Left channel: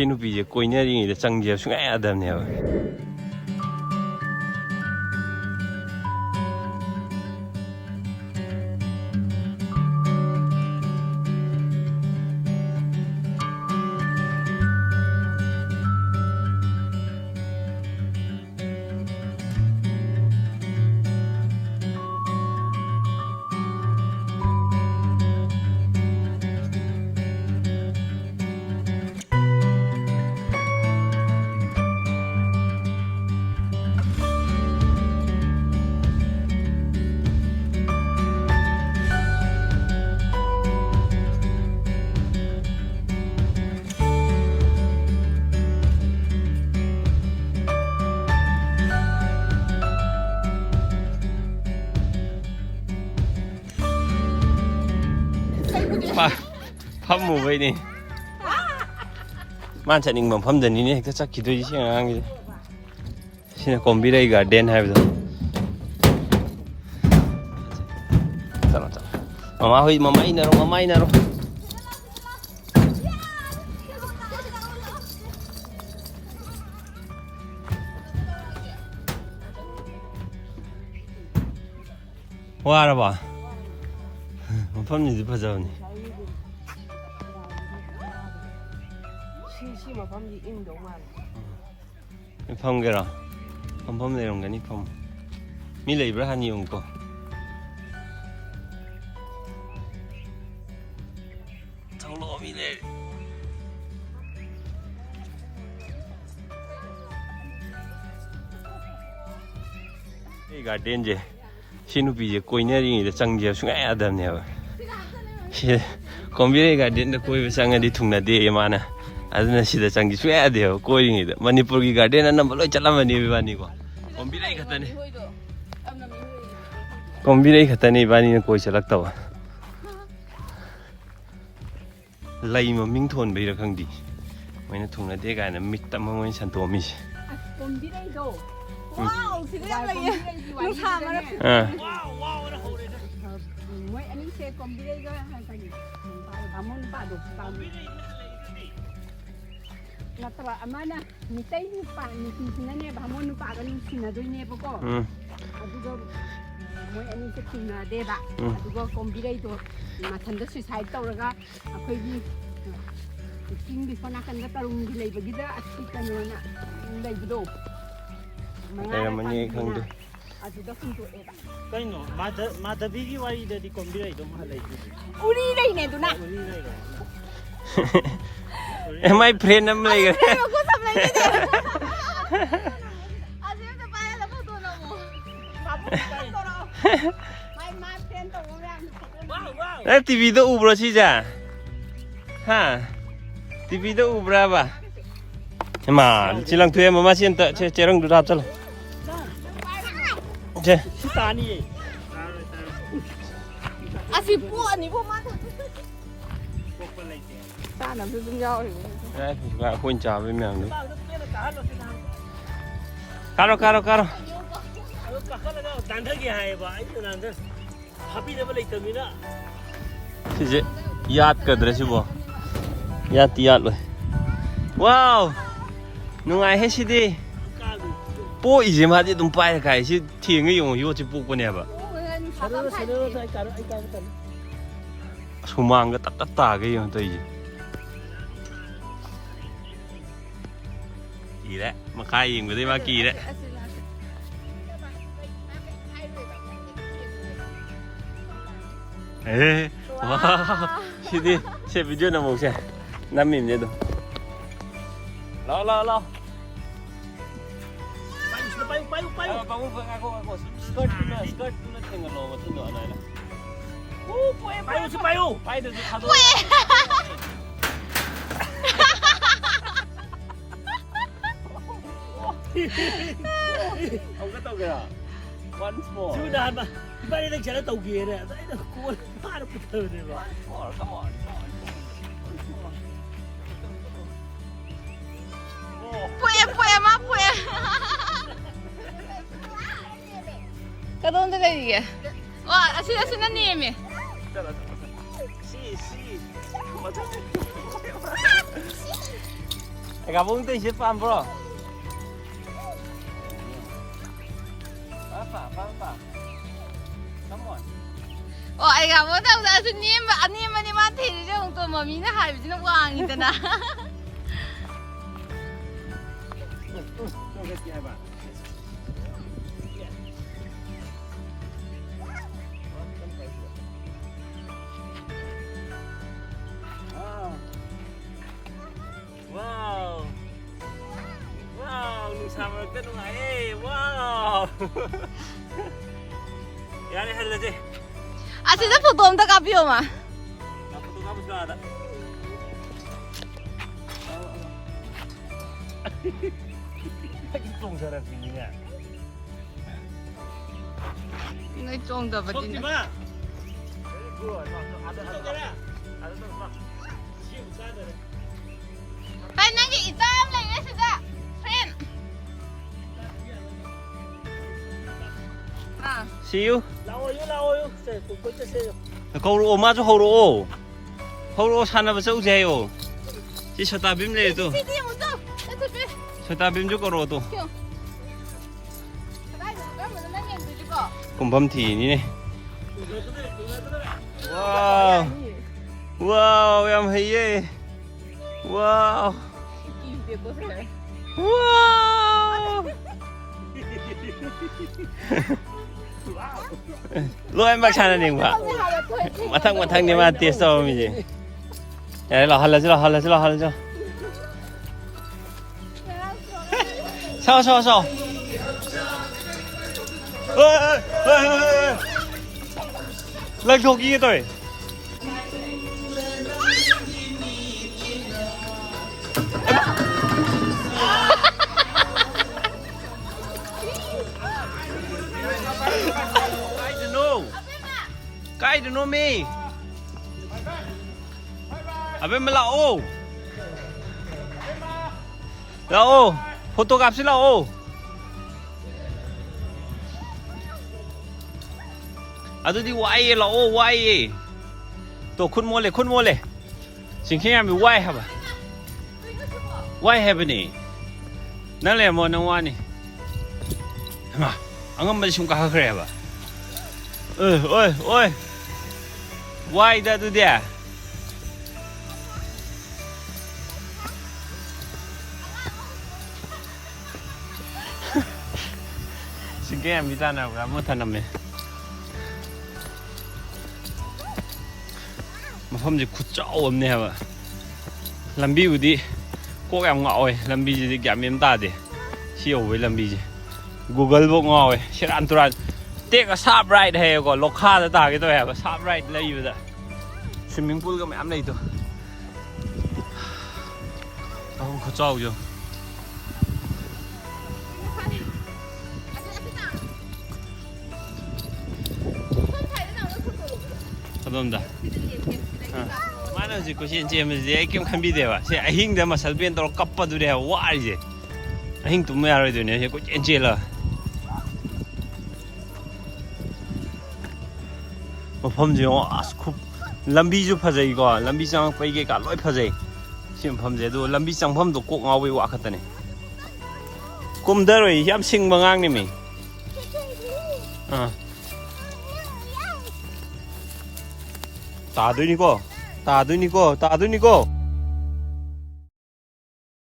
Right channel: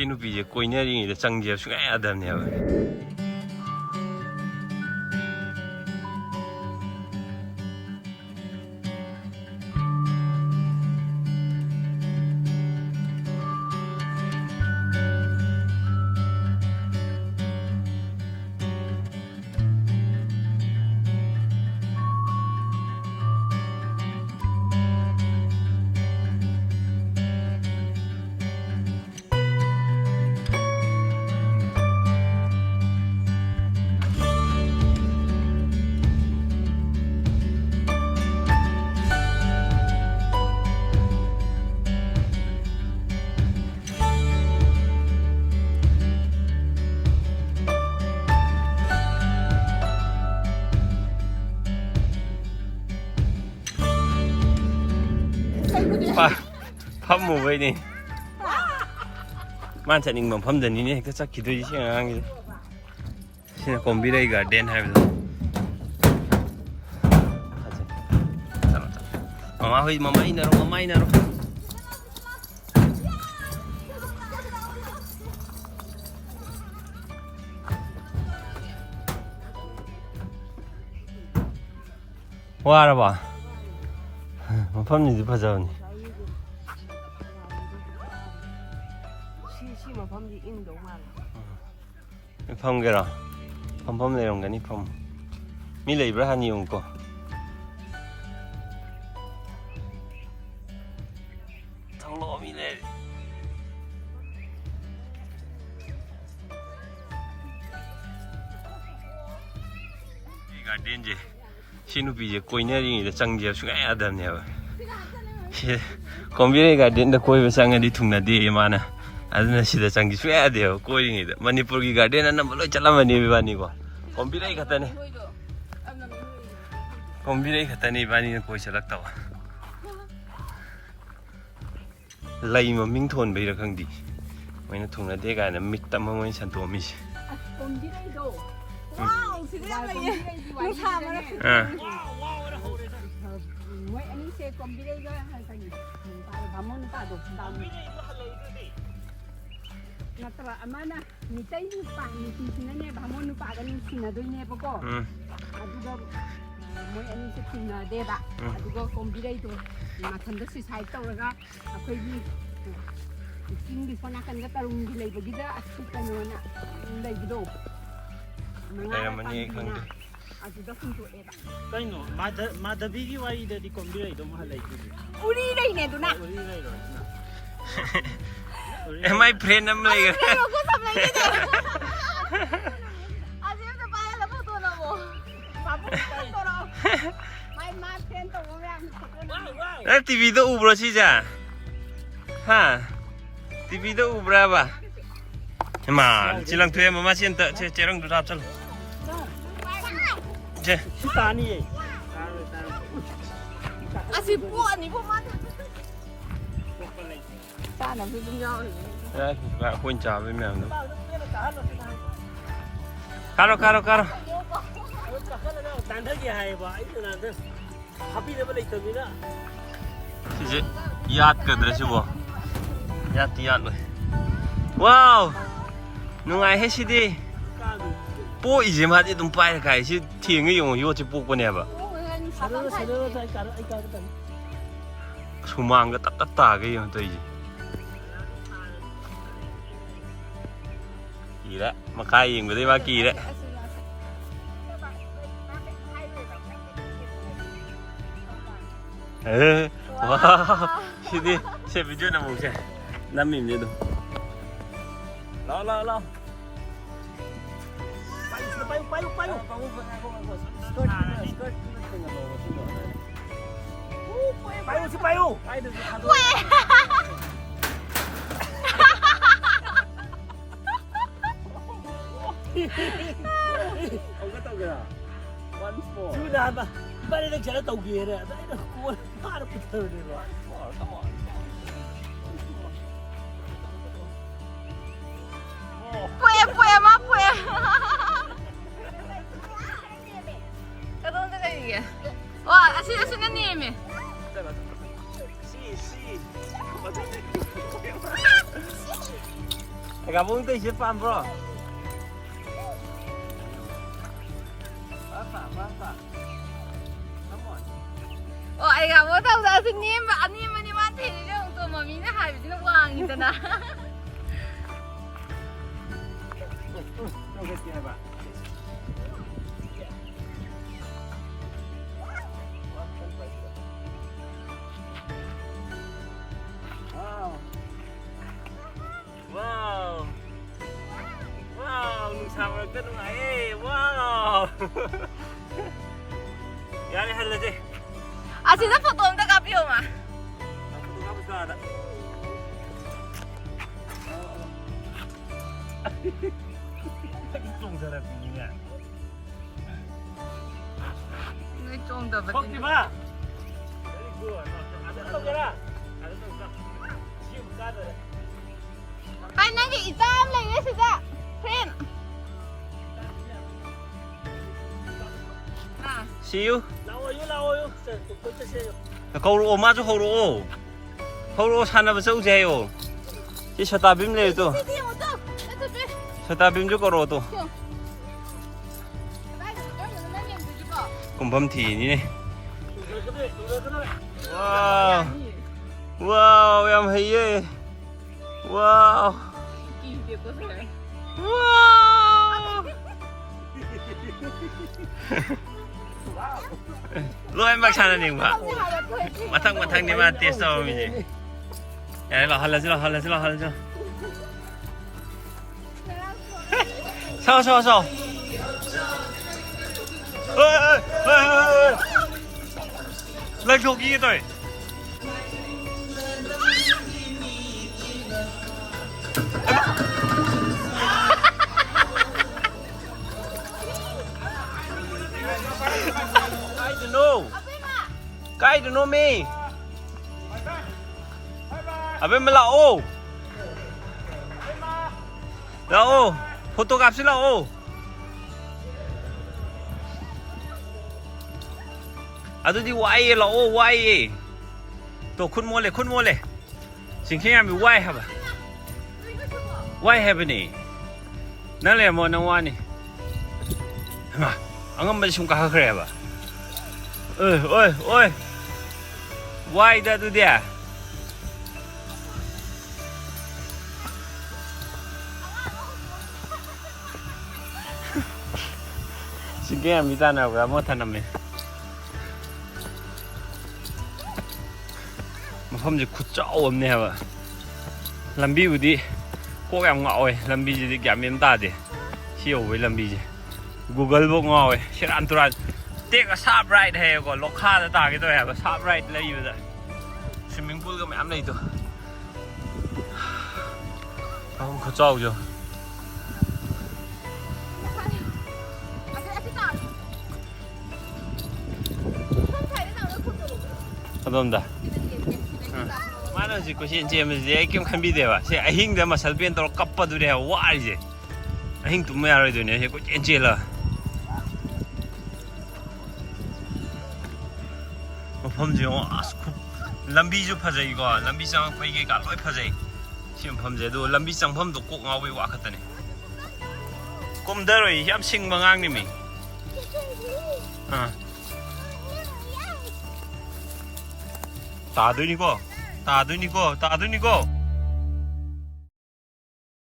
ꯁꯤ ꯅꯨꯄꯤꯁꯦ ꯀꯣꯏꯅꯔꯤꯉꯩꯗ ꯆꯪꯖꯦ ꯁꯨꯡꯌꯥ ꯌꯥꯗꯕꯅꯦꯕ ꯐꯝꯃꯨꯕꯩꯅꯤ ꯃꯥꯅ ꯆꯠꯅꯤꯡꯕ ꯃꯐꯝꯗꯅꯤꯅꯦ ꯍꯦꯛꯇ ꯆꯠꯈꯤꯗꯣꯏꯁꯤ ꯁꯤ ꯑꯉꯥꯡꯒꯤꯗ ꯁꯤꯅ ꯀꯣꯝꯕꯤꯔꯩ ꯒꯥꯔꯗꯦꯟ ꯍꯥꯏꯕꯗꯣ ꯆꯠꯂꯣ ꯆꯠꯂꯣ ꯃꯃꯥ ꯍꯣꯏ ꯃꯃꯥ ꯏꯟꯅꯔꯣ ꯋꯥꯔꯕ ꯃꯐꯝꯁꯤꯗꯤ ꯐꯖꯕꯅꯤ ꯁꯤ ꯃꯐꯝꯗꯤ ꯏꯪꯗꯧ ꯃꯥꯜꯂꯦ ꯐꯝꯒꯦꯔꯣ ꯐꯝꯐꯝ ꯂꯩꯔꯝꯒꯅꯤ ꯐꯝ ꯃꯤ ꯂꯩꯕ꯭ꯔꯥ ꯍꯥꯟꯅ ꯌꯦꯡꯉꯨꯀꯣ ꯊꯣꯛꯂꯛꯑꯣ ꯃꯤ ꯂꯩꯔꯤ ꯁꯤ ꯒꯥꯔꯗꯦꯟꯁꯦ ꯁꯤ ꯅꯨꯄꯤꯁꯦ ꯀꯣꯏꯅꯔꯤꯉꯩꯗ ꯆꯪꯖꯦ ꯁꯨꯡꯌా ꯌꯥꯗꯕꯅꯦꯕ ꯁꯤ ꯀꯣꯝꯕꯤꯔꯩ ꯒꯥꯔꯗꯦꯟꯗ ꯀꯣꯏꯕ ꯆꯪꯉꯗꯤ ꯊꯨꯡꯅꯗꯦ ꯃꯥꯅ ꯑꯗꯨꯅ ꯁꯤꯗ ꯆꯪ지 ꯁꯨꯡꯌꯥ ꯌꯥꯗꯦꯕ ꯀꯣꯏꯔꯤꯉꯩꯗ ꯃꯅꯤꯄꯨꯔꯒꯤ ꯒꯥꯔꯗꯦꯟ ꯑꯅꯝꯕ ꯂꯣꯏ ꯆꯠꯂꯝꯃꯅꯤ 이바니ꯀꯣ ꯀꯣꯝꯕꯤꯔꯩ ꯈꯛꯇꯅꯤ ꯀꯣꯝꯕꯤꯔꯩ ꯈꯛꯇꯅꯤ 이바니는 ꯀꯣꯏ ꯆꯠꯂꯛꯇꯕ ꯂꯩ ꯃꯃꯤꯡ ꯊꯣꯟꯕꯩꯔ ꯈꯪꯗꯦ ꯃꯣꯏꯅ ꯊꯨꯡꯅꯗꯦ ꯀꯥꯏꯅ ꯃꯤꯠ ꯑꯃ ꯃꯣꯏꯅ ꯁꯟꯇꯣꯛꯑꯝꯃꯤꯁꯦ ꯀꯣꯝꯕꯤꯔꯩꯗꯣ 와우, 집에 lagi. Lu sama na. Moy ani se kombire ga tagi. Bamon pa do. Natara amana mitai ni pa ni sina ne bamon pa ga ni sina do ne ko. Adugo moy ani se sina de ba. Adugo kombire do mathanda suicide tawraga akhoi gi king bi fana kan ga tarung gi leibagi da achi kanona leibido. Mani khangde kaino madhavi gi wari da di kombire do ma lai uri lai ne duna my friend am lai ga ko sam lai ne asim ta pa la photo na wo my friend to wo ram wow TV to ubro si ja ha TV to ubra ba mà chỉ làm thuê mà xin tợ chế rong đạp cho chế 아직 뭐 아니 뭐만 ta làm tôi nhau đấy và khuôn trà với mèo nữa caro đàn thế kia hay vậy đàn thế happy level này tầm nữa thì dễ yat cái đấy chứ bộ yat rồi wow nungai hết xí đi bố ý gì mà đi tụm bay cái xí thiền cái dùng vô chỉ bố cái này vậy sumang cái tắt cái dùng tới gì kỳ đấy mà khai dùng cái đấy mà kỳ đấy ê wow thì đi xem video nào một xem 5 minute được lo payu skirt tengah lo sundo ana payu được khado ông có tàu kìa once more chú đàn mà bây giờ đang chạy tàu kia này cô ba nó bự thơ này rồi come on 뿌야 까다운데 이게 와 아시다 수나님이 애가 몽대 이제 빰 ai gặp ở đâu ra xin niêm và anh niêm anh ăn thì chứ không tôi mà mình nó hay bị nó quăng như thế nào Wow. Wow, nung sama ka nung ay. Wow. Yani halaje. à thì rất phổ thông ta gặp nhiều mà Apa tu kamu sudah ada? Tung sana punya. nói chung là vật Không gì gì mà. Ada tu kena. Ada tu. Siu sana. hay năng cái tam này đấy thực ra friend à Siu. 나와요. 그때세요. 거울 오마주 호로. 호로 사나 버서 오세요. 지 쳤다 빔래도. đi đi một chút đi đi đi 쳤다 빔 주거로도. cái này thì mình nó nhìn từ chỗ 곰밤티니네. 와우. 와우, 얌해예. 와우. 와우. Lúc em bác chana nè mà. Mặt thằng nhưng mà tiếc sao mình gì. Đấy là halla. Sao. Ê. Lên thuộc gì rồi? Cái đừng nôm mi. À bên mà lão. Lão, photo gặp xí lão. À tôi đi quay lão quay. Tôi khuôn mua lệ. Xin khi em bị quay hả bà? Quay hả bà nè? Nó là một năm qua nè. Mà, anh không biết chúng ta hơi khỏe bà. Ôi. Why that do there? Xin cái em đi ra nào cả một thằng nằm này. Mà không gì cút chó ôm nè bà. Làm bi đi. Cố em ngọ rồi, làm bi gì giảm em ta đi. Siêu với làm bi gì. Google bộ ngọ rồi, sẽ ăn tuần. Tiếc là sharp right hay còn lộc kha ta cái tôi là sharp right lấy gì vậy? Swimming pool cái mẹ này thôi. Không có trâu chưa? Không đâu. Mà nó chỉ có chuyện gì mà gì kiếm khăn bị đấy à? Thế anh hình mà sao biến tao cặp vào đấy à? Quá gì? Anh hình tụi mày rồi đấy này, có chuyện gì là? mafamje askup lambi ju phajai go lambi chang pai ge ka loi phajai sim phamje do lambi chang pham do kok ngawi wa khatane kum daroi yam sing mangang ni mi ta dui ni ko